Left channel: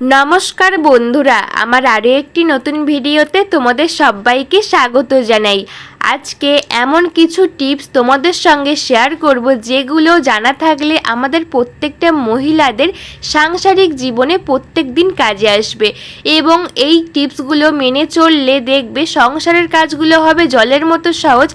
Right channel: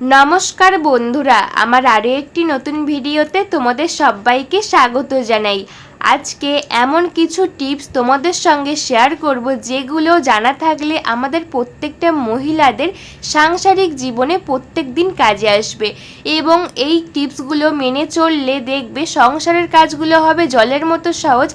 নমস্কার বন্ধুরা, আমার আরও একটি নতুন ভিডিওতে তোমাদের সবাইকে স্বাগত জানাই। আজকে এমন কিছু টিপস তোমাদের সঙ্গে শেয়ার করব যেগুলো জানা থাকলে আমাদের প্রত্যেকটা মহিলাদের সাংসারিক জীবনে প্রত্যেক দিন কাজে আসবে এবং এই টিপসগুলো মেনে চললে দেখবে সংসারের কাজগুলো হবে জলের মতো সহজ।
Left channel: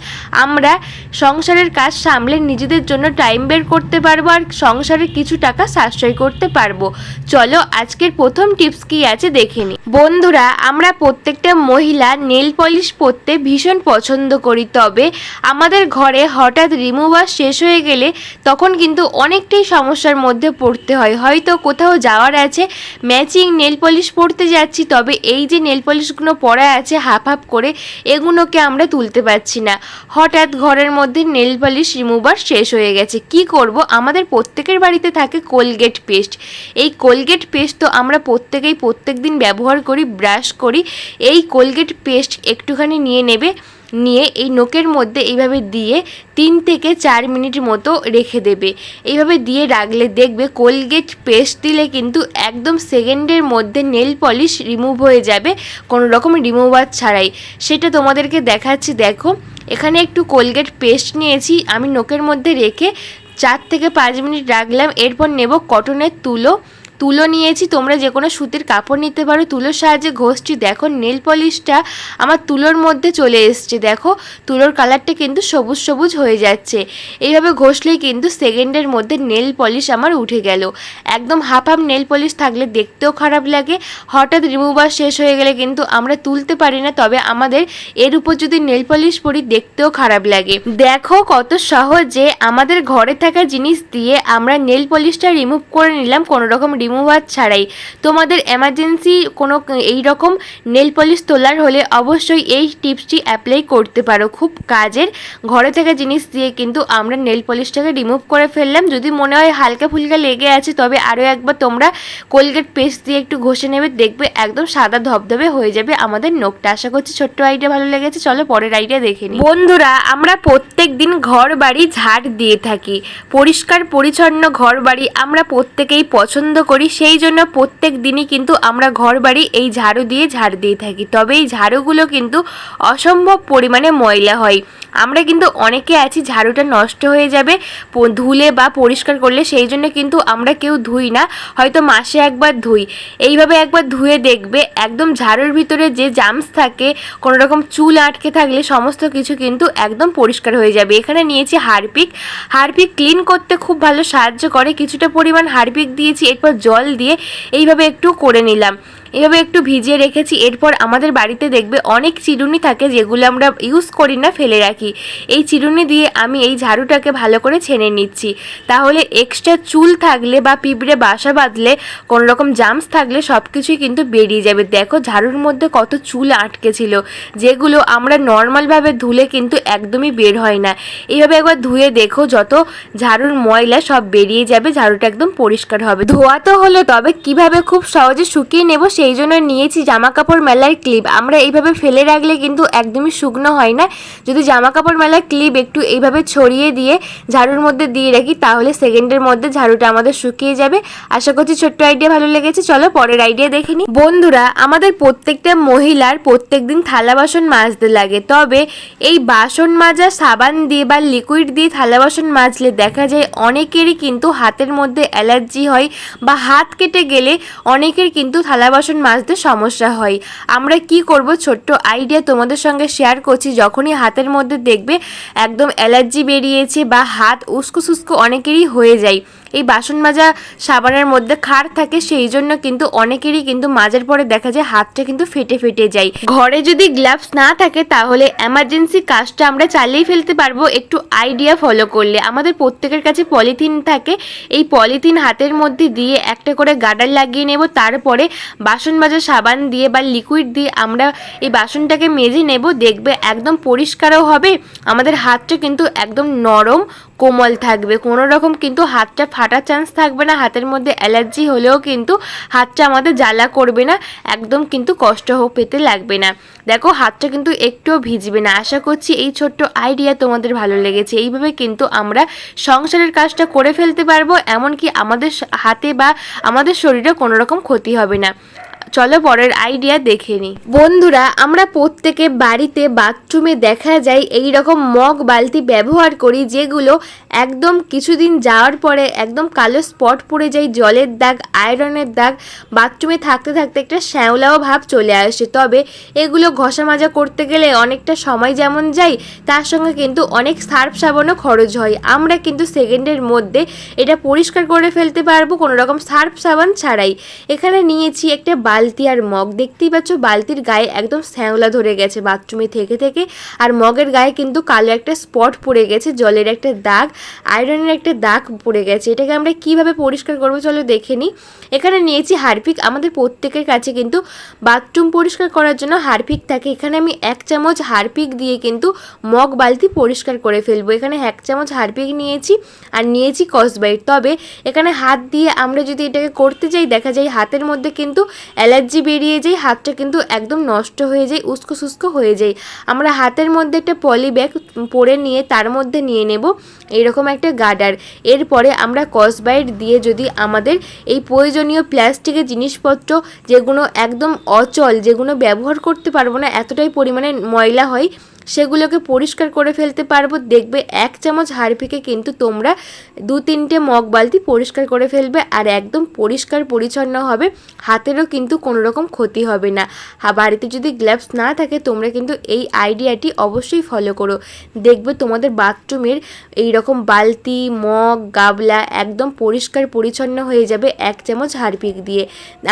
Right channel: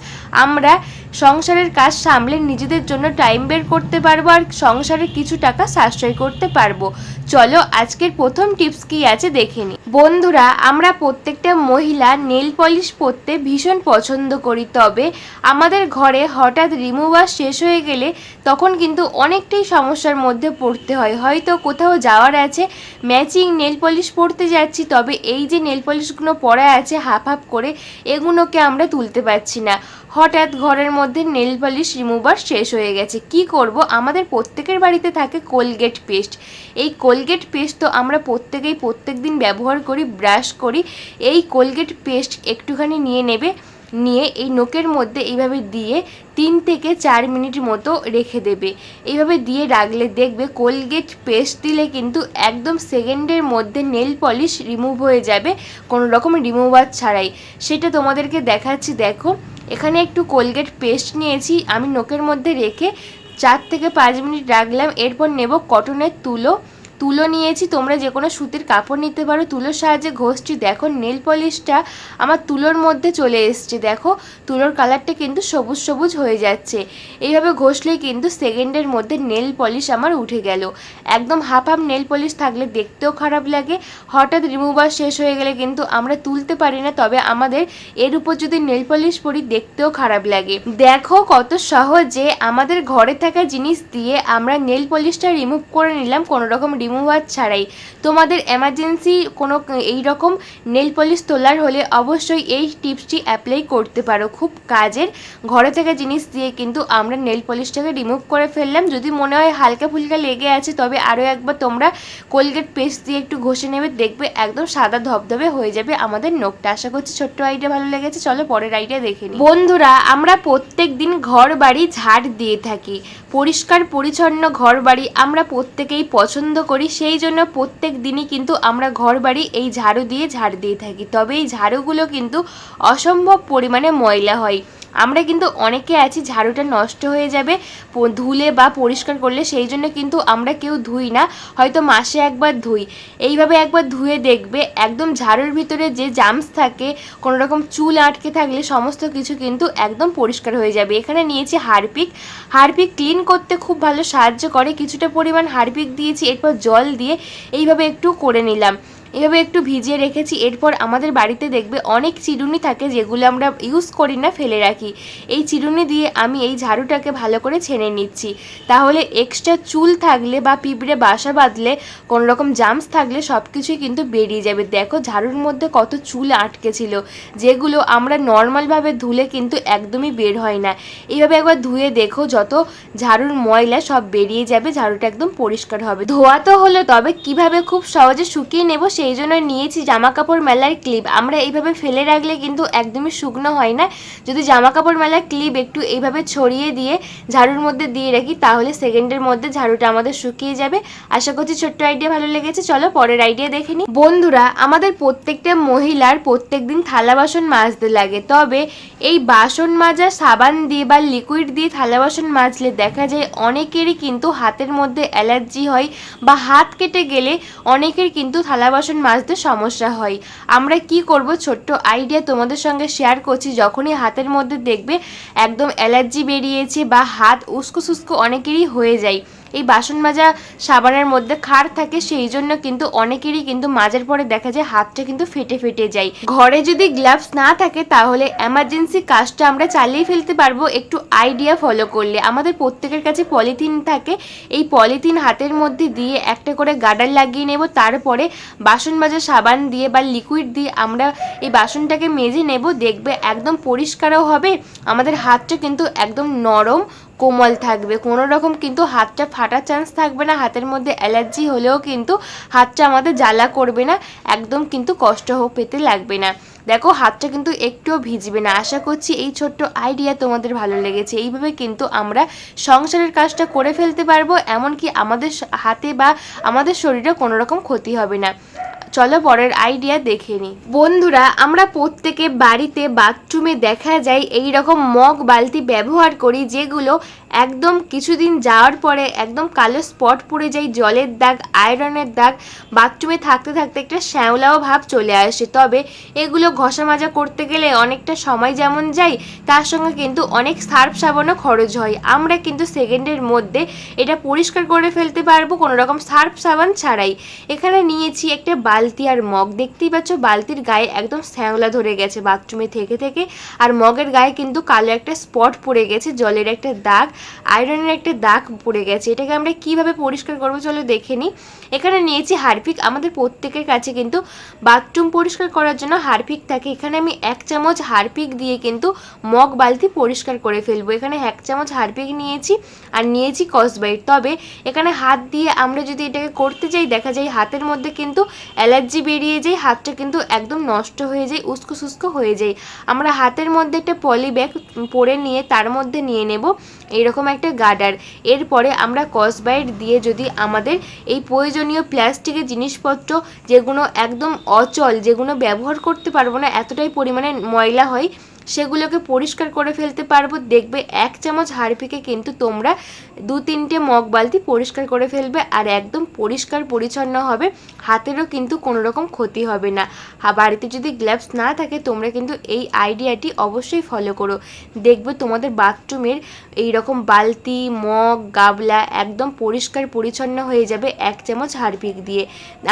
আমরা সংসারের কাজ সামলে নিজেদের জন্য টাইম বের করতে পারবো আর সংসারে কিছু টাকা সাশ্রয় করতে পারবো। চলো আজকের প্রথম টিপস কি আছে দেখে নিই। বন্ধুরা, আমরা প্রত্যেকটা মহিলা নেল পলিশ পরতে ভীষণ পছন্দ করি, তবে আমাদের ঘরে হঠাৎ রিমুভার শেষ হয়ে গেলে তখন কিন্তু অনেকটাই সমস্যার মধ্যে পড়তে হয়। হয়তো কোথাও যাওয়ার আছে, ম্যাচিং নেল পলিশ পরতে যাচ্ছি, তবে এই যে নেল পলিশগুলো পরা আছে হাফ হাফ করে, এগুলোকে আমরা তুলতে পারছি না। হঠাৎ ঘরের মধ্যে নেল পলিশ রিমুভার শেষ হয়ে গেছে, কি করব? আমাদের প্রত্যেকের বাড়িতে থাকে কোলগেট পেস্ট। এই কোলগেট পেস্ট তো আমরা প্রত্যেক দিন ব্যবহার করি, ব্রাশ করি। এই কোলগেট পেস্ট একটুখানি নিয়ে এই নোকের মধ্যে এইভাবে দিয়ে 3 থেকে 4 মিনিট মতো রেখে দেবে। এইভাবে দিয়ে রাখলে দেখবে কোলগেট পেস্ট দিলে কিন্তু একদম সেকেন্ডের মধ্যে নেল পলিশ রিমুভ হয়ে যাবে, কোনো রকম রিমুভার ছাড়াই। সেটা তোমাদেরকে দেখাচ্ছি, দেখো। এখানে একটু কোলগেট পেস্ট নিয়েছি, আমি নোকের মধ্যে রেখে 4 থেকে 5 মিনিট রাখলাম। এরপর নেব কটনের তুলো নিয়েছি, তোমরা যে কোনো সুতির কাপড় নিতে পারো। তুলোর সাহায্যে ঘষছি, দেখো নেল পলিশটা আমার তুলোর মধ্যে চলে এসছে। দেখো তুলোর কালারটা কিন্তু সবুজ সবুজ হয়ে যাচ্ছে। এইভাবে ঘষলেই কিন্তু সেকেন্ডের মধ্যে নেল পলিশ আমার উঠে গেল। একদম হাফ হাফ নেল পলিশ থাকলে দেখতেও খারাপ লাগে, হঠাৎ রিমুভার শেষ হয়ে গেলে কিন্তু আমরা তুলতে পারি না, তবে আমাদের এর উপর যদি নেল পলিশ পরি দেখতেও খারাপ লাগে। দেখো কত সহজে আমাদের ঘরে থাকা জিনিস দিয়ে আমরা নেল পলিশটা রিমুভ করে নিলাম, কোনো রকম রিমুভার ছাড়াই। তোমাদের এমার্জেন্সি কোনো এই রকম নেল পলিশ তোলার হলে অবশ্যই এই টিপসটি অ্যাপ্লাই করতে পারো, খুব কাজের। ঘরে থাকা জিনিস দিয়ে কিন্তু আমরা নেল পলিশটাকে রিমুভ করে ফেললাম। যদি মনে হয় হালকা ফুলকা লেগে আছে, তবে আরও একবার তোমরা কোলগেট পেস্ট দিয়ে একটু ঘষে নেবে, দেখবে একদম সাদা ধবধবে হয়ে যাবে আমাদের নখটা। আশা করছি ছোট্ট আইডিয়া ভালো লেগেছে। চলো পরের আইডিয়া দেখে নিই। বন্ধুরা, আমরা প্রত্যেক দিন ঘর বাড়ি ঝাড় দিয়ে থাকি, পরিষ্কার পরিচ্ছন্ন ঘর বাড়ি আমরা প্রত্যেকেই পছন্দ করি। সেই জন্য প্রত্যেক দিনই কিন্তু আমরা ঘর বাড়ি এই ঝাড়ু দিয়ে ঝাড় দিয়ে থাকি, তবে এই ঝাড়ুগুলো কিন্তু অসম্ভব পরিমাণে ময়লা হয়। আমরা কিন্তু অনেকে আছি ঝাড়ুটা নষ্ট হয়ে যাবে ধুলে বা পরিষ্কার করলে, সেই জন্য কিন্তু আমরা কেউ ধুই না, হয়তো মাসে একবার ধুই। এইভাবে একবার ধুয়ে দেখবে একদম ঝাড়ুর ভিতরে যে জামস থাকে, কোনো রকম চুল আটকে থাকলে সমস্ত কিছু কিন্তু একদম পরিষ্কার হয়ে যাবে। এখানে নিয়েছি হারপিক ক্লিন করতে খুব ভালো সাহায্য করে। কিছুটা পরিমাণ হারপিক দিয়েছি, এরপর জল দিয়ে এইভাবে একটু করে নিলাম, এভাবে একটু ভিজিয়ে রেখেছি। এরপর আমাদের বাড়িতে দেখবে অনেক চিরুনি থাকে যেগুলো আমরা ইউজ করি না, ফেলে রাখি। এই চিরুনি দিয়ে আমি এই ঝাড়ুটাকে ভালো করে ছেনে নিচ্ছি, তাহলে এক্সট্রা চুল থাকলে বা পিঁপড়ে বাসা বাঁধলে, কোনো রকম জামস থাকলে সব কিছুই কিন্তু বেরিয়ে যাবে। দেখো ঝাড়ুর মধ্যে কত চুল আটকে ছিল, যেগুলো আমরা নর্মালভাবে ধুলে কিন্তু একদমই বের হয় না। এইভাবে একবার ধুয়ে দেখো, যত ঝাড়ুর ময়লা সব বেরিয়ে যাবে, ঝাড়ুটা একদম পরিষ্কার হবে। ধোয়া তো হলো, তবে কিভাবে খুব সহজে শুকিয়ে নেব সেই জন্য নিয়েছি জামা কাপড় মেলার ক্লিপ। আমরা এইভাবে ফেলে রাখলে কিন্তু একদমই শুকনো হয় না। যদি জামা কাপড় মেলার ক্লিপ একটু এইভাবে ছড়িয়ে দিয়ে ঝাড়ুর মধ্যে দিয়ে রাখি, তাহলে সেকেন্ডের মধ্যে ঝাড়ুটা আমাদের শুকিয়ে যাবে। আশা করছি ছোট্ট আইডিয়া ভালো লেগেছে। চলো পরের আইডিয়া দেখে নিই। বন্ধুরা, আমাদের প্রত্যেকটা মহিলার প্রত্যেক দিন থালা বাসন মাজতে লাগে, তবে এই বাসন মাজা সাবান দিয়ে বা লিকুইড দিয়ে থালা বাসন মাজলে দেখা যায় অনেকেরই কিন্তু হাতের মধ্যে অ্যালার্জি হয়, বা হাত কেটে গেলে অনেকের কিন্তু থালা বাসন মাজতে সমস্যা হয়। আমরা কি করব, ছোট্ট আইডিয়া তোমাদের সঙ্গে শেয়ার করছি। যখনই হাতের মধ্যে দেখবে একদম অ্যালার্জি বেরিয়েছে বা হাত উস্কো সুস্কো অনেকেরই হয়ে যায়, এই বাসন মাজা সাবানের মধ্যে ক্ষার থাকে, সেই জন্য কিন্তু অনেকেরই কিন্তু মাজার পরে দেখা যায় হাতটা কিন্তু ফেটে যায়। ঘরে যদি গ্লাভস না থাকে তাহলে এমার্জেন্সি কাজটা আমরা চালিয়ে ফেলতে পারবো একটু আইডিয়া ফলো করলে। আমাদের প্রত্যেকের কাছে পলিথিন থাকে, এই পলিথিন হাতের মধ্যে দিয়ে একটা করে গার্ডার লাগিয়ে নেব, তারপরে বাসন মাজা সাবান দিয়ে বা লিকুইড দিয়ে আমরা এই বাসনটাকে মেজে নেব, দেখবে একদম পরিষ্কারও হবে, আমাদের হাতটা কিন্তু একদম নরম কোমল থাকবে, কোনো রকম কিন্তু হাতটা ফাটার চান্স থাকবে না, হাতের মধ্যে অ্যালার্জি হলেও কিন্তু হাতটা আমাদের জ্বালা করবে না, একদম কিন্তু কষ্ট পেতে লাগবে না। দেখো হাতটা কিন্তু একটুও ভিজবে না। আশা করছি এই ছোট্ট আইডিয়া তোমাদের ভালো লেগেছে। এইভাবে কিন্তু আমরা সংসারের কাজটা করে ফেলতে পারবো, এমনকি আমাদের হাতে বা আমাদের শরীরে কোনো রকম ক্ষতি হবে না। চলো পরের আইডিয়া দেখে নিই। বন্ধুরা, আমরা প্রত্যেকে বাড়িতে বাথরুমে দেখা যায় এই রকম মগ বালতি ব্যবহার করি, যেগুলো একদম কিছুদিন যাওয়ার পরে একদম কালো স্পট পড়ে যায়, জলের দাগ, আয়রনের দাগ, বাথরুমে থাকতে থাকতে একটা শ্যাওলাও ভাব চলে আসে। তবে এগুলো ঘষা মাজা করতে গেলে অনেকটা সময় যেমন যায়, তার সঙ্গে কিন্তু অনেক সার্ফ সাবানও খরচ হয়। আমরা কিন্তু সেকেন্ডের মধ্যে এটা পরিষ্কার করে ফেলতে পারবো কোনো রকম সার্ফ সাবান ছাড়াই। এখানে নিয়েছি একটা বালতি আর মগ। দেখতেই পাচ্ছ বালতির গায়ে একদম শ্যাওলা ধরে গেছে বাথরুমে থেকে থেকে, আর মগের গায়ে কিন্তু কালো একটা স্পট পড়ে গেছে, জলের একটা দাগ, আয়রনের একটা দাগ পড়ে গেছে। এটাকে আমরা কিভাবে পরিষ্কার করবো চলো দেখে নিই। এখানে নিয়েছি হারপিক। আমাদের প্রত্যেকের কাছে কিন্তু বাথরুম পরিষ্কার করার জন্য হারপিক থাকে। এখানে আমি 1 চামচ হারপিক দিয়ে কিন্তু মগ বালতি পরিষ্কার করে ফেলবো। এখানে 1 চামচ হারপিক নিয়েছি আর নিয়েছি স্কচব্রাইট। তবে এখানে হাত দিয়ে আমরা যদি এটাকে করতে যাই, দেখা যায় হাতের মধ্যে কিন্তু অ্যালার্জি বেরিয়ে যায়, হাতটা কিন্তু একদম নষ্ট হয়ে যায়, উস্কো সুস্কো হয়ে যায়। আমরা হাতের মধ্যে একটা পলি ব্যাগ পরে নিয়ে তার মধ্যে নিয়ে নেব এইরকম একটা গার্ডার। এরপরে আমরা স্কচব্রাইট দিয়ে যদি আমাদের এই প্রয়োজনীয় প্লাস্টিকের জিনিসপত্র, যেগুলো একদম অচল, যেগুলো ব্যবহার করতে পারবো না, এতটাই পরিমাণে ময়লা হয়, সেগুলোকে পরিষ্কার করে ফেলতে পারবো। দেখবে 1 চামচ হারপিকে কিন্তু তোমরা 2-3টে মগ বালতি পরিষ্কার করে ফেলবে, আর একদম পরিষ্কার পরিচ্ছন্ন হবে, হাতেরও কিন্তু কোনো রকম ক্ষতি হবে না। বাড়িতে যদি গ্লাভস না থাকে তোমরা কিন্তু এই আইডিয়াটি অবশ্যই ফলো করো, দেখবে তোমাদের বাথরুমের এই রকম বালতি, মগ, গাবলা একদম পরিষ্কার পরিচ্ছন্ন হয়ে যাবে 1 চামচ হারপিক দিয়ে।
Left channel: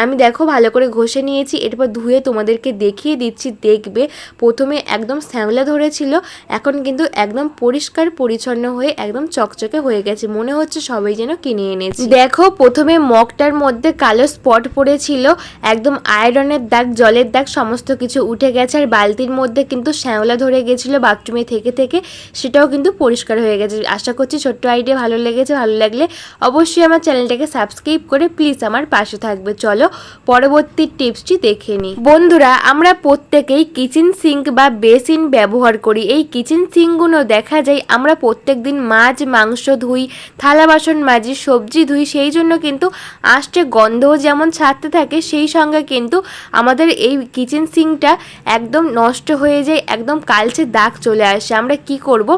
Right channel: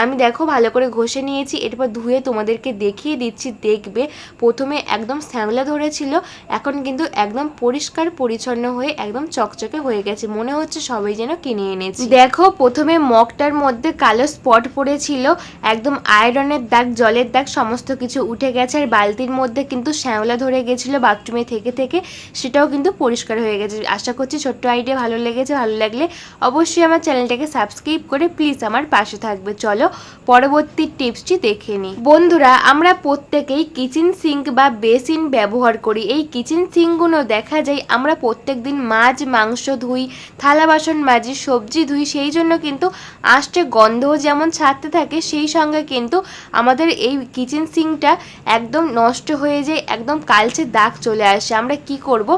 আমি দেখো ভালো করে ঘষে নিয়েছি, এরপর ধুয়ে তোমাদেরকে দেখিয়ে দিচ্ছি। দেখবে প্রথমে একদম শ্যাওলা ধরেছিল, এখন কিন্তু একদম পরিষ্কার পরিচ্ছন্ন হয়ে একদম চকচকে হয়ে গেছে, মনে হচ্ছে সবাই যেন কিনে এনেছে। দেখো প্রথমে মগটার মধ্যে কালো স্পট পড়েছিল, একদম আয়রনের দাগ, জলের দাগ সমস্ত কিছু উঠে গেছে, আর বালতির মধ্যে কিন্তু শ্যাওলা ধরে গেছিলো বাথরুমে থেকে থেকে, সেটাও কিন্তু পরিষ্কার হয়ে গেছে। আশা করছি ছোট্ট আইডিয়া ভালো লেগেছে। ভালো লাগলে অবশ্যই আমার চ্যানেলটাকে সাবস্ক্রাইব করে প্লিজ আমার পাশে থাকবে। চলো পরবর্তী টিপসটি দেখে নিই। বন্ধুরা, আমরা প্রত্যেকেই কিচেন সিঙ্ক বা বেসিন ব্যবহার করি। এই কিচেন সিঙ্কগুলো দেখা যায় আমরা প্রত্যেক দিন মাছ মাংস ধুই, থালা বাসন মাজি, সবজি ধুই, সেই জন্য কিন্তু আষ্টে গন্ধও যেমন ছাড়তে থাকে, সেই সঙ্গে কিন্তু আমাদের এই কিচেন সিঙ্কটা একদম নষ্ট হয়ে যায়, একদম কালচে দাগ চলে আসে। আমরা কি করব,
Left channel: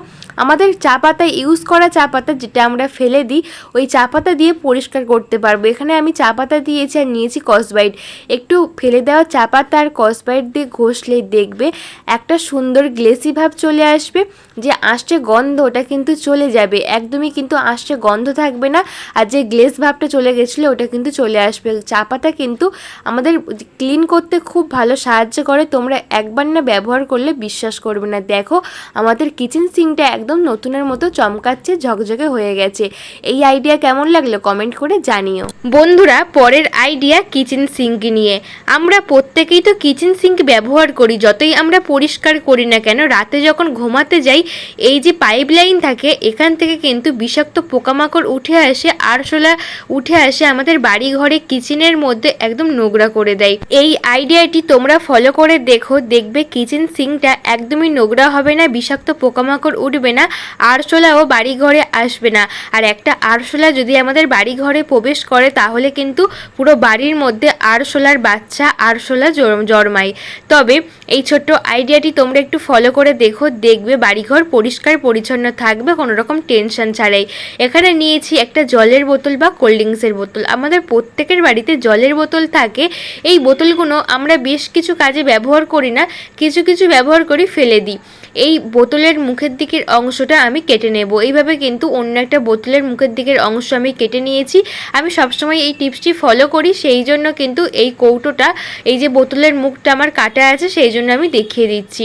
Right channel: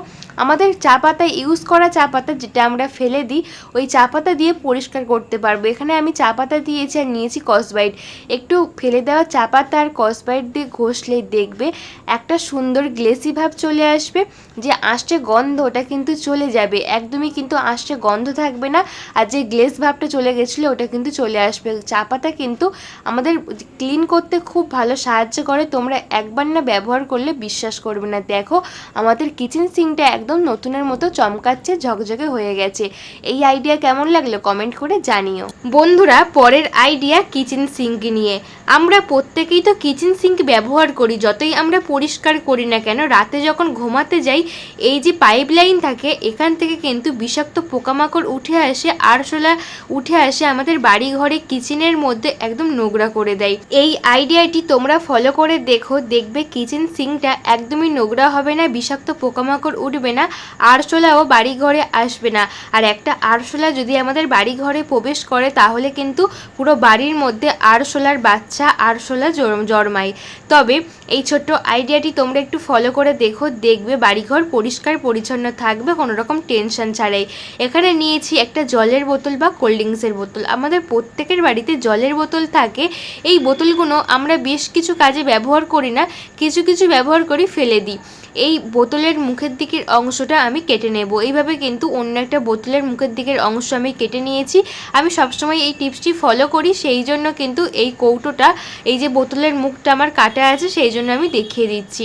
আমাদের চা পাতা ইউজ করা চা পাতা যেটা আমরা ফেলে দিই, ওই চা পাতা দিয়ে পরিষ্কার করতে পারবো। এখানে আমি চা পাতা দিয়েছি আর নিয়েছি স্কচব্রাইট। একটু ফেলে দেওয়া চা পাতা আর স্কচব্রাইট দিয়ে ঘষলে দেখবে একটা সুন্দর গ্লেসি ভাব চলে আসবে, যে আষ্টে গন্ধ ওটা কিন্তু চলে যাবে, একদমই কিন্তু আষ্টে গন্ধ থাকবে না, আর যে গ্লেস ভাবটা চলে গেছিলো ওটা কিন্তু চলে আসবে। চা পাতা কিন্তু আমাদের ক্লিন করতে খুব ভালো সাহায্য করে, তোমরা একবার না ব্যবহার করলে বিশ্বাস করবে না। দেখো আমাদের কিচেন সিঙ্কটা একদম নতুনের মতো চমকাচ্ছে, ঝকঝকে হয়ে গেছে। এই আইডিয়া কেমন লাগলো কমেন্ট করে জানিও। বন্ধুরা, পরের আইডিয়া কিচেন সিঙ্ক নিয়ে। আমরা প্রত্যেকেই তো কিচেন সিঙ্ক ব্যবহার করি, যতই আমরা পরিষ্কার করি না কেন, রাতে যখন ঘুমাতে যাই এই যে পাইপ লাইন থাকে এখান থেকে কিন্তু বিষাক্ত পোকামাকড় উঠে আসে, আরশোলা উঠে আসে, আমাদের বাড়ি ঘরে কিচেনের মধ্যে একদম নোংরা করে দেয়। এই আইডিয়াটি তোমরা ফলো করে দেখো, দেখবে কিচেন সিঙ্কটা একদমই নোংরা হবে না, বিষাক্ত পোকামাকড় উঠবে না, আরশোলাও বাড়ি ঘরে আসবে না। আর একটা আরশোলা যদি আমাদের বাড়ি ঘরে প্রবেশ করে তাহলে কিন্তু পুরো বাড়ির মধ্যে আরশোলার বাচ্চা, আরশোলা জন্মায়। তবে এই ছোট্ট আইডিয়াটি তোমরা একটু ফলো করে দেখো, দেখবে বাড়িঘর পরিষ্কার পরিচ্ছন্ন থাকবে কোনো রকম টেনশন ছাড়াই। এখানে নিয়েছি একটা জলের বোতল বা কোল্ড ড্রিঙ্কসের বোতল। আমাদের প্রত্যেকের বাড়িতে জলের বোতল থাকে, এই বোতলগুলো আমরা বেশ কিছু কাজে ব্যবহার করি না, কিছু কিছু ব্যবহার করি ফেলে দিই। এই বোতলের মুখের দিকের অংশটা আমি কেটে নেব, এইভাবে কিন্তু অন্য একটা বোতলের মুখের দিকের অংশ আমি কেটে নিয়েছি। আমি সবসময় এই টিপসটি ফলো করি, সেই জন্য কিন্তু এই কৌটোটা, এই যে বোতলের মুখটা আমার কাটা আছে সেই জন্য আমি দেখিয়ে দিচ্ছি।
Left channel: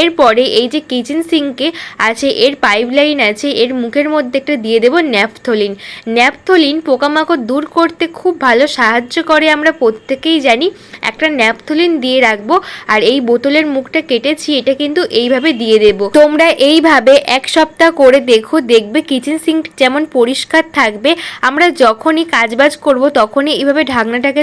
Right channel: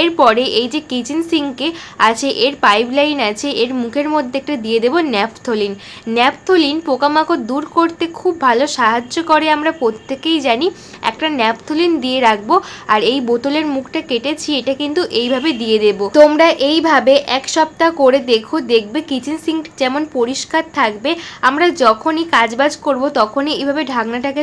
এরপরে এই যে কিচেন সিঙ্কে আছে, এর পাইপ লাইন আছে, এর মুখের মধ্যে একটা দিয়ে দেবো ন্যাপথলিন। ন্যাপথলিন পোকামাকড় দূর করতে খুব ভালো সাহায্য করে, আমরা প্রত্যেকেই জানি। একটা ন্যাপথলিন দিয়ে রাখবো, আর এই বোতলের মুখটা কেটেছি এটা কিন্তু এইভাবে দিয়ে দেব। তোমরা এইভাবে এক সপ্তাহ করে দেখো, দেখবে কিচেন সিঙ্ক যেমন পরিষ্কার থাকবে। আমরা যখনই কাজবাজ করব তখনই এইভাবে ঢাকনাটাকে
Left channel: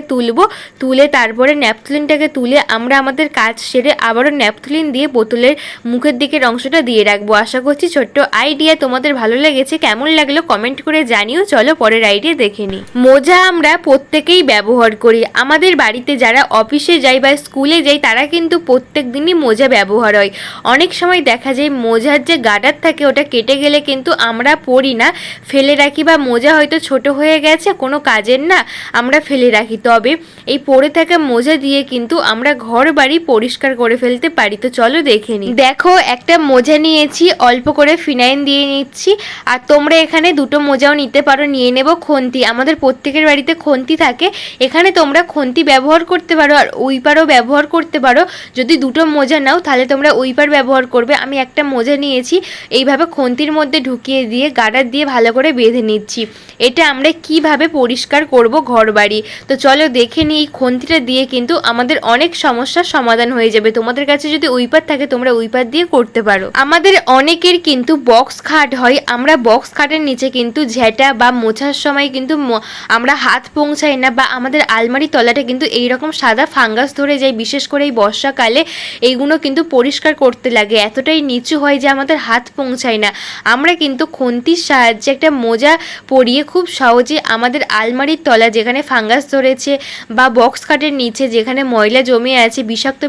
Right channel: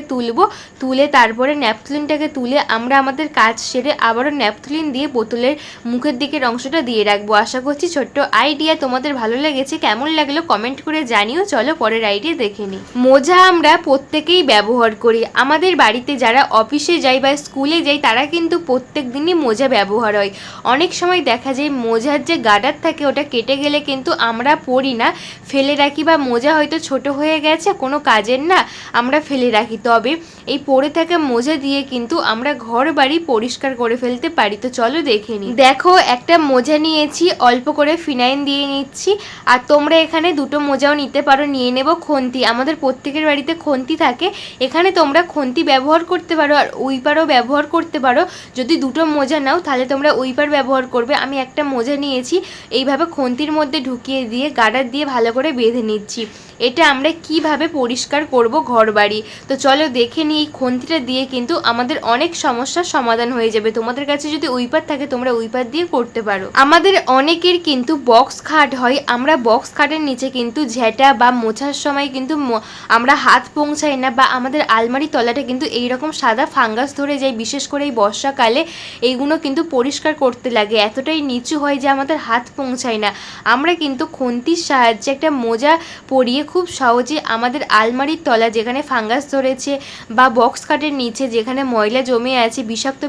তুলে তারপরে ন্যাপথলিনটাকে তুলে আমরা আমাদের কাজ সেরে আবারও ন্যাপথলিন দিয়ে বোতলের মুখের দিকের অংশটা দিয়ে রাখবো। আশা করছি ছোট্ট আইডিয়া তোমাদের ভালো লেগেছে। কেমন লাগলো কমেন্ট করে জানিও। চলো পরের আইডিয়া দেখে নিই। মোজা আমরা প্রত্যেকেই ব্যবহার করি। আমাদের বাড়িতে যারা অফিসে যায় বা স্কুলে যায় তারা কিন্তু প্রত্যেক দিনই মোজা ব্যবহার হয়। অনেক সময় দেখা যায় মোজার যে গার্ডার থাকে ওটা কেটে গেলে কিন্তু আমরা পরি না, ফেলে রাখি, বা মোজা হয়তো ছোট হয়ে গেছে কোনো কাজের না, আমরা ফেলে রাখি। তবে এই পরে থাকা মোজা দিয়ে কিন্তু আমরা ঘর বাড়ি পরিষ্কার করে ফেলতে পারি। তো চলো দেখে নিই। দেখো একটা মোজা নিয়েছি, অল্প করে ফিনাইল দিয়ে নিচ্ছি। আর তোমরা এখানে দুটো মোজাও নিতে পারো। নিয়ে নেব খন্তি। আমাদের প্রত্যেকের বাড়িতে খন্তি থাকে, এখানে তোমরা খন্তি ব্যবহার করতে পারো আর উইপারও ব্যবহার করতে পারো। যদি দুটো মোজা নাও তাহলে তোমরা উইপার ব্যবহার করবে। আমি একটা মোজা নিয়েছি, এইভাবে খন্তির মধ্যে ঢুকিয়ে দিয়ে গার্ডার দিয়ে ভালো করে বেঁধে নিচ্ছি। এটা আমরা কিভাবে পরিষ্কার করব ঘর বাড়ি। তো চলো দেখে নিই। এই খন্তিটা দিয়ে কিন্তু আমাদের অনেক সমস্যার সমাধান হয়ে যাবে। তোমাদের কাছে যদি উইপার থাকে তোমরা উইপার দিয়ে করতে পারো। আমাদের অনেকের কিন্তু বক্স খাট হয়, আমরা বক্স খাটের নিচে কিন্তু ঝেঁটা বা মোছার সময় কিন্তু আমরা হাত পৌঁছাই না, বা আমাদের আলমারি তলাটা কিন্তু এইরকম সাদা ফাঙ্গাস ধরে যায়। বিশেষ করে এই বর্ষাকালে এইগুলো কিন্তু পরিষ্কার করতে লাগে, এতটাই নিচু হয় যে আমাদের হাত পৌঁছায় না। আমরা কিন্তু খন্তির সাহায্যে একটা মোজা পরিয়ে খুব সহজে আমাদের আলমারির তলা যেখানে ফাঙ্গাস ধরেছে বা বক্স খাটের নিচে যেখানে ময়লা জমে আছে,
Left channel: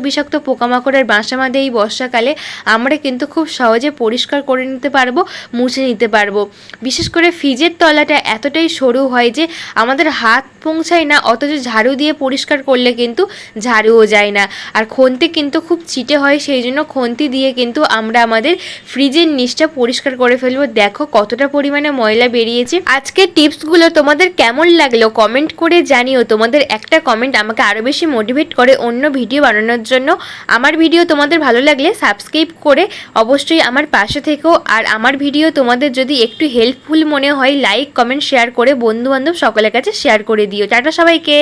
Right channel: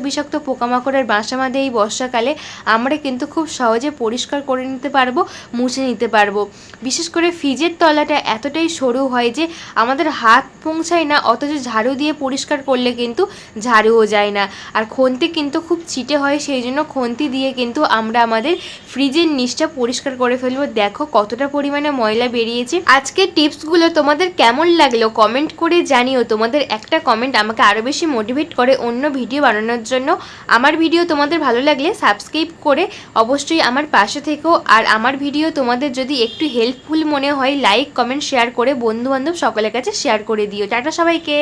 বিষাক্ত পোকামাকড়ের বাসা বাঁধে এই বর্ষাকালে, আমরা কিন্তু খুব সহজে পরিষ্কার করে নিতে পারবো, মুছে নিতে পারবো। বিশেষ করে ফ্রিজের তলাটা এতটাই সরু হয় যে আমাদের হাত পৌঁছায় না, অথচ ঝাড়ু দিয়ে পরিষ্কার করলে কিন্তু ঝাড়ুও যায় না। আর খন্তি কিন্তু খুব চিটে হয়, সেই জন্য খন্তি দিয়ে কিন্তু আমরা আমাদের ফ্রিজের নিচটা পরিষ্কার করে ফেলবো। দেখো কতটা পরিমাণে ময়লা বেরিয়েছে। আজকের টিপসগুলো তোমাদের কেমন লাগলো কমেন্ট করে জানিও। তোমাদের একটা কমেন্ট আমাকে আরও বেশি মোটিভেট করে অন্য ভিডিও বানানোর জন্য। আমার ভিডিও তোমাদের ভালো লাগলে সাবস্ক্রাইব করে অবশ্যই আমার পাশে থেকো। আর আমার ভিডিও তোমাদের যদি একটু হেল্পফুল মনে হয় লাইক কমেন্ট শেয়ার করে বন্ধুবান্ধব সকলের কাছে শেয়ার করে দিও। টাটা সবাইকে।